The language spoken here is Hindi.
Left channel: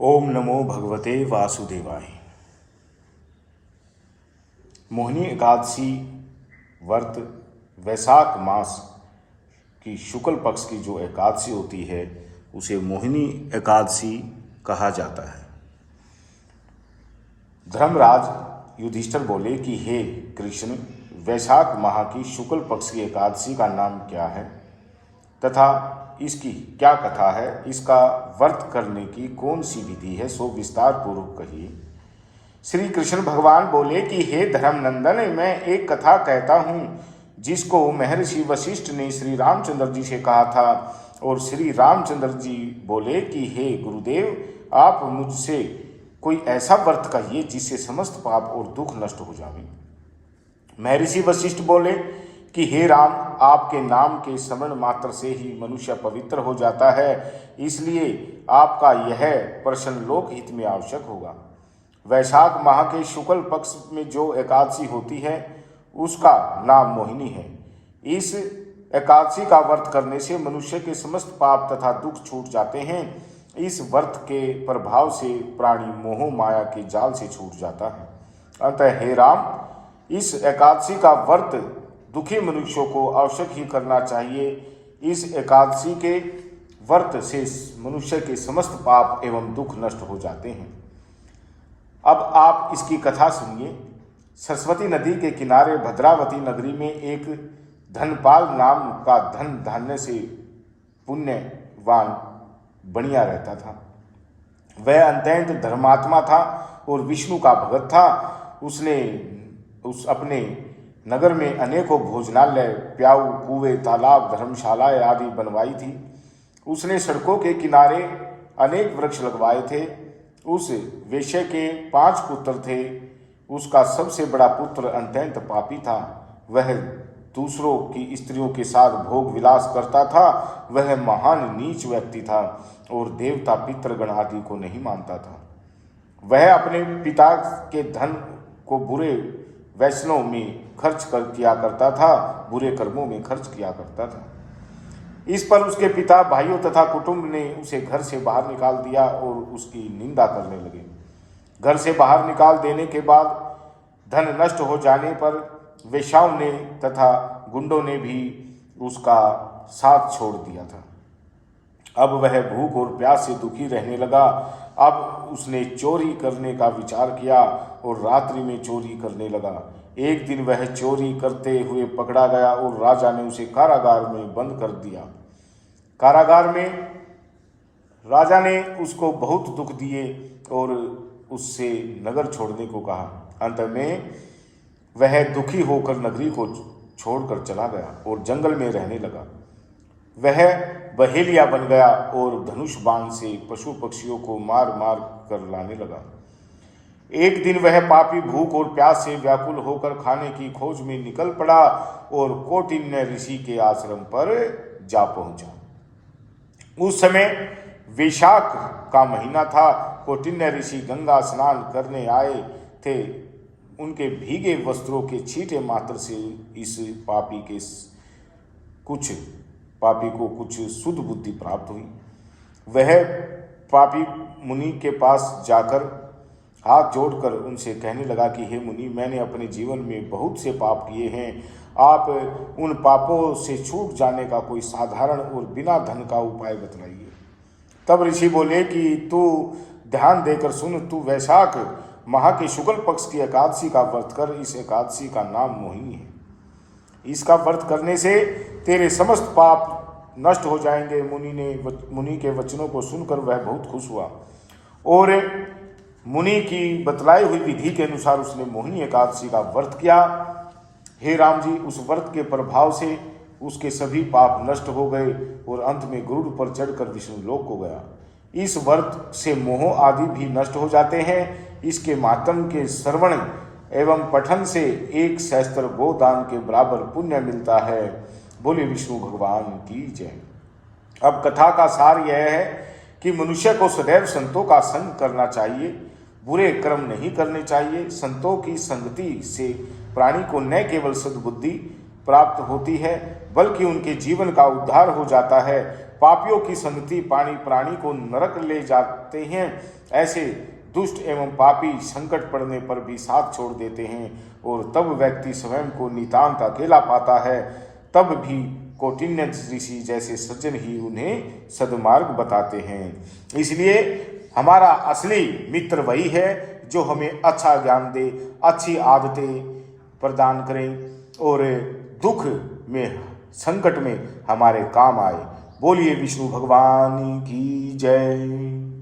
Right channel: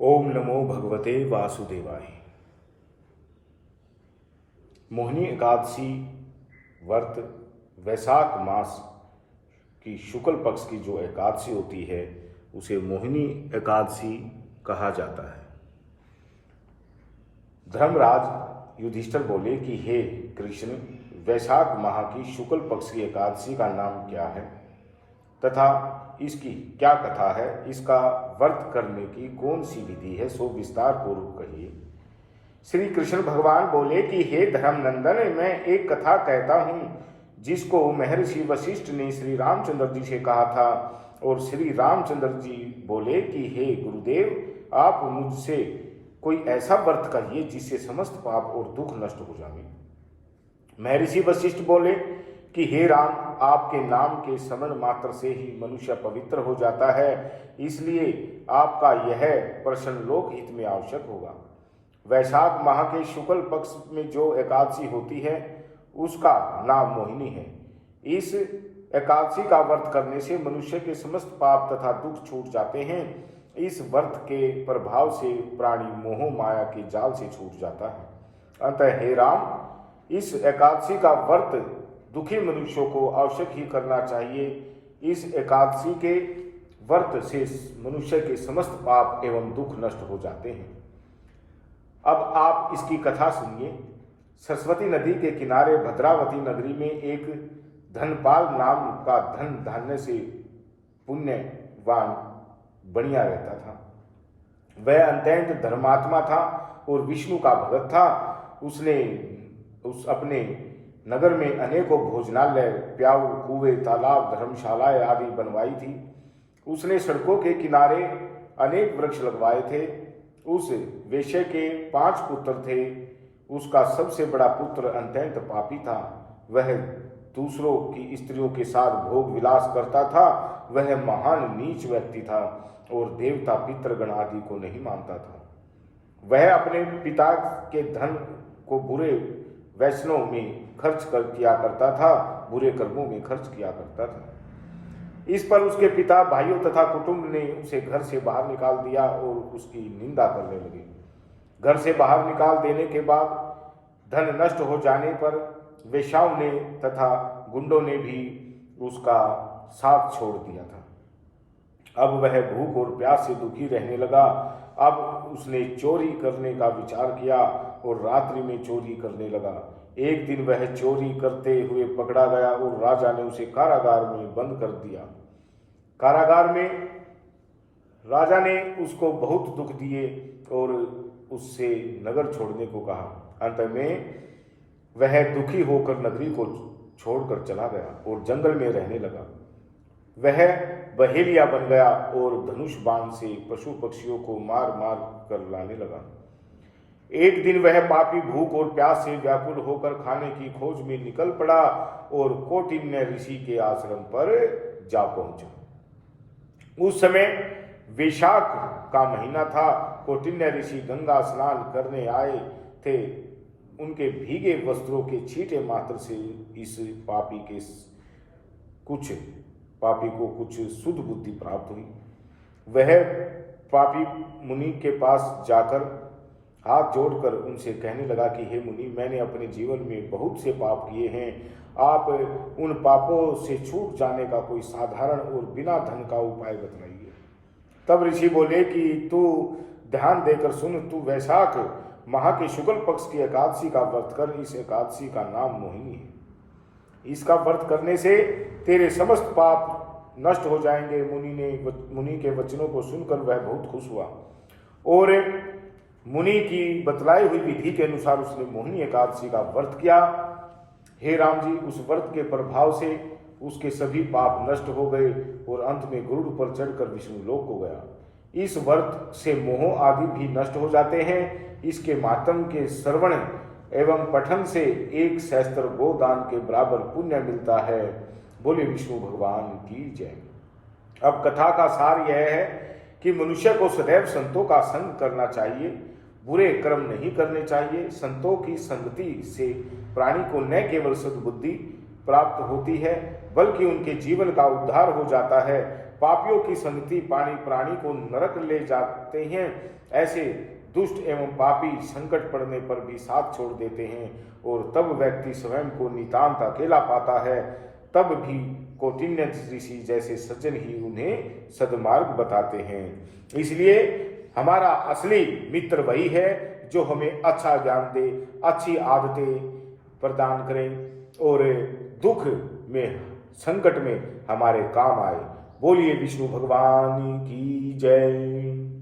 ओम नमो भगवते वासुदेवाय। मोहिनी एकादशी व्रत वैशाख मास की शुक्ल पक्ष की जो एकादशी होती है उसे मोहिनी एकादशी कहा जाता है। धर्मराज युधिष्ठिर बोले कि हे कृष्ण, वैशाख माह की शुक्ल पक्ष की एकादशी का नाम क्या है तथा इसकी क्या कथा है, इसका व्रत करने की कौन सी विधि है, सो विस्तार पूर्वक कहिए। श्री कृष्ण भगवान बोले कि हे धर्मनंदन, मैं एक कथा कहता हूँ जिसको महर्षि वशिष्ठ ने श्री रामचंद्र जी से कहा था। और श्री रामचंद्र जी बोले कि हे गुरुदेव, आप मुझसे कोई ऐसा व्रत कहिए जिससे समस्त पाप और दुख नष्ट हो जावे। महर्षि वशिष्ठ बोले कि हे राम, आपके नाम के स्मरण मात्र से ही मनुष्य पवित्र हो जाता है, इसलिए आपका यह प्रश्न लोक हित में आवश्यक होगा। वैशाख माह के शुक्ल पक्ष में जो एकादशी होती है उसका नाम मोहिनी है। इस एकादशी का व्रत करने से मनुष्य के समस्त पाप तथा दुख छूट जाते हैं। इस व्रत के प्रभाव से प्राणी मोह माया के जाल से छूट जाता है। अतः हे राम, इस एकादशी का व्रत दुखी मनुष्यों को आवश्यक ही करना चाहिए। इस एकादशी के व्रत से मनुष्य के समस्त पाप एवं दुख नष्ट हो जाते हैं। अब आप इसकी कथा सुनिए। सरस्वती नदी के किनारे भद्रावती नगरी में एक धनपाल नाम का धन धान्य से पुण्यवान बनिया रहता था। वह अत्यंत धर्मात्मा था और विष्णु का भगत था। उसने अपने नगर में अनेकों भोजनालय, प्याऊ, कुएं, तालाब, धर्मशालाएं आदि बनवाई थी। उसने सड़कों के किनारे अनेक वृक्ष लगवाए थे। उस वेश्या के 5 पुत्र थे। उसका सबसे बड़ा पुत्र अत्यंत पापी था। वह दूसरों की स्त्रियों के साथ भोग विलास करता था। वह महान नीच व्यक्ति था और देवता पितृगण आदि को नहीं मानता था। वह अपने पिता के धन को बुरे व्यसनों में खर्च किया करता था, बुरे कर्मों में खर्च किया करता था। इस पर उसके पिता, भाइयों तथा कुटुंब ने उसे घर से बाहर निकाल दिया और उसकी निंदा करने लगे। घर से बाहर निकाल देने के बाद धन नष्ट हो जाने पर वेश्याओं ने तथा गुंडों ने भी उसका साथ छोड़ दिया था। अब वह भूख और प्यास से दुखी रहने लगा। अब उसने चोरी करने का विचार किया और रात्रि में चोरी करने लगा। एक दिन वह चोरी करते हुए पकड़ा गया और राजा ने उसे कारागार में बंद कर दिया। कारागार में राजा ने उसको बहुत दुख दिए और उससे नगर छोड़ने को कहा। अंत में वह दुखी होकर नगरी को छोड़कर चला गया और जंगल में रहने लगा। वह बहेलिया बन गया और धनुष बाण से पशु पक्षियों को मार मार कर लाने लगा। एक दिन वह पापी भूख और प्यास से व्याकुल होकर खाने की खोज में निकल पड़ा और कौटिन्य ऋषि के आश्रम पर जा पहुंचा। उस समय वैशाख का महीना था। कौटिन्य ऋषि गंगा स्नान करने आए थे। उनके भीगे वस्त्रों के छींटे मात्र से इस पापी को कुछ शुद्ध बुद्धि प्राप्त हुई। वह पापी मुनि के पास जाकर हाथ जोड़कर उनसे कहने लगा कि हे मुनि, मैंने अपने जीवन में बहुत से पाप किए हैं। आप उन पापों से छूट जाने का कोई साधारण और बिना धन का उपाय बतलाइए। तब ऋषि बोले कि तू ध्यान देकर सुन। तू वैशाख माह के शुक्ल पक्ष की एकादशी का व्रत कर। इस एकादशी का नाम मोहिनी है। इसका व्रत करने से तेरे समस्त पाप नष्ट हो जाएंगे। मुनि के वचनों को सुनकर वह बहुत खुश हुआ और मुनि की बतलाई हुई विधि के अनुसार उसने मोहिनी एकादशी का व्रत किया। हे राम जी, उस व्रत के प्रभाव से उसके सभी पाप नष्ट हो गए और अंत में गरुड़ पर चढ़कर विष्णु लोक को गया। इस व्रत से मोह आदि भी नष्ट हो जाते हैं। इसके मातम के श्रवण एवं पठन से 1 सहस्त्र गोदान के बराबर पुण्य मिलता है। बोले विष्णु भगवान की जय। अब कथा का सार यह है कि मनुष्य को सदैव संतों का संग करना चाहिए, बुरे कर्म नहीं करने चाहिए। संतों की संगति से प्राणी को न केवल सद्बुद्धि प्राप्त होती है बल्कि उनके जीवन का उद्धार हो जाता है पापियों की संगति प्राणी को नरक ले जाते हैं। ऐसे दुष्ट एवं पापी संकट पड़ने पर भी साथ छोड़ देते हैं और तब व्यक्ति स्वयं को नितांत अकेला पाता है। तब भी कौटिन्य ऋषि जैसे सज्जन ही उन्हें सद्मार्ग बताते हैं। इसलिए हमारा असली मित्र वही है जो हमें अच्छा ज्ञान दे, अच्छी आदतें प्रदान करे और दुख में, संकट में हमारे काम आए। बोलिए विष्णु भगवान की जय।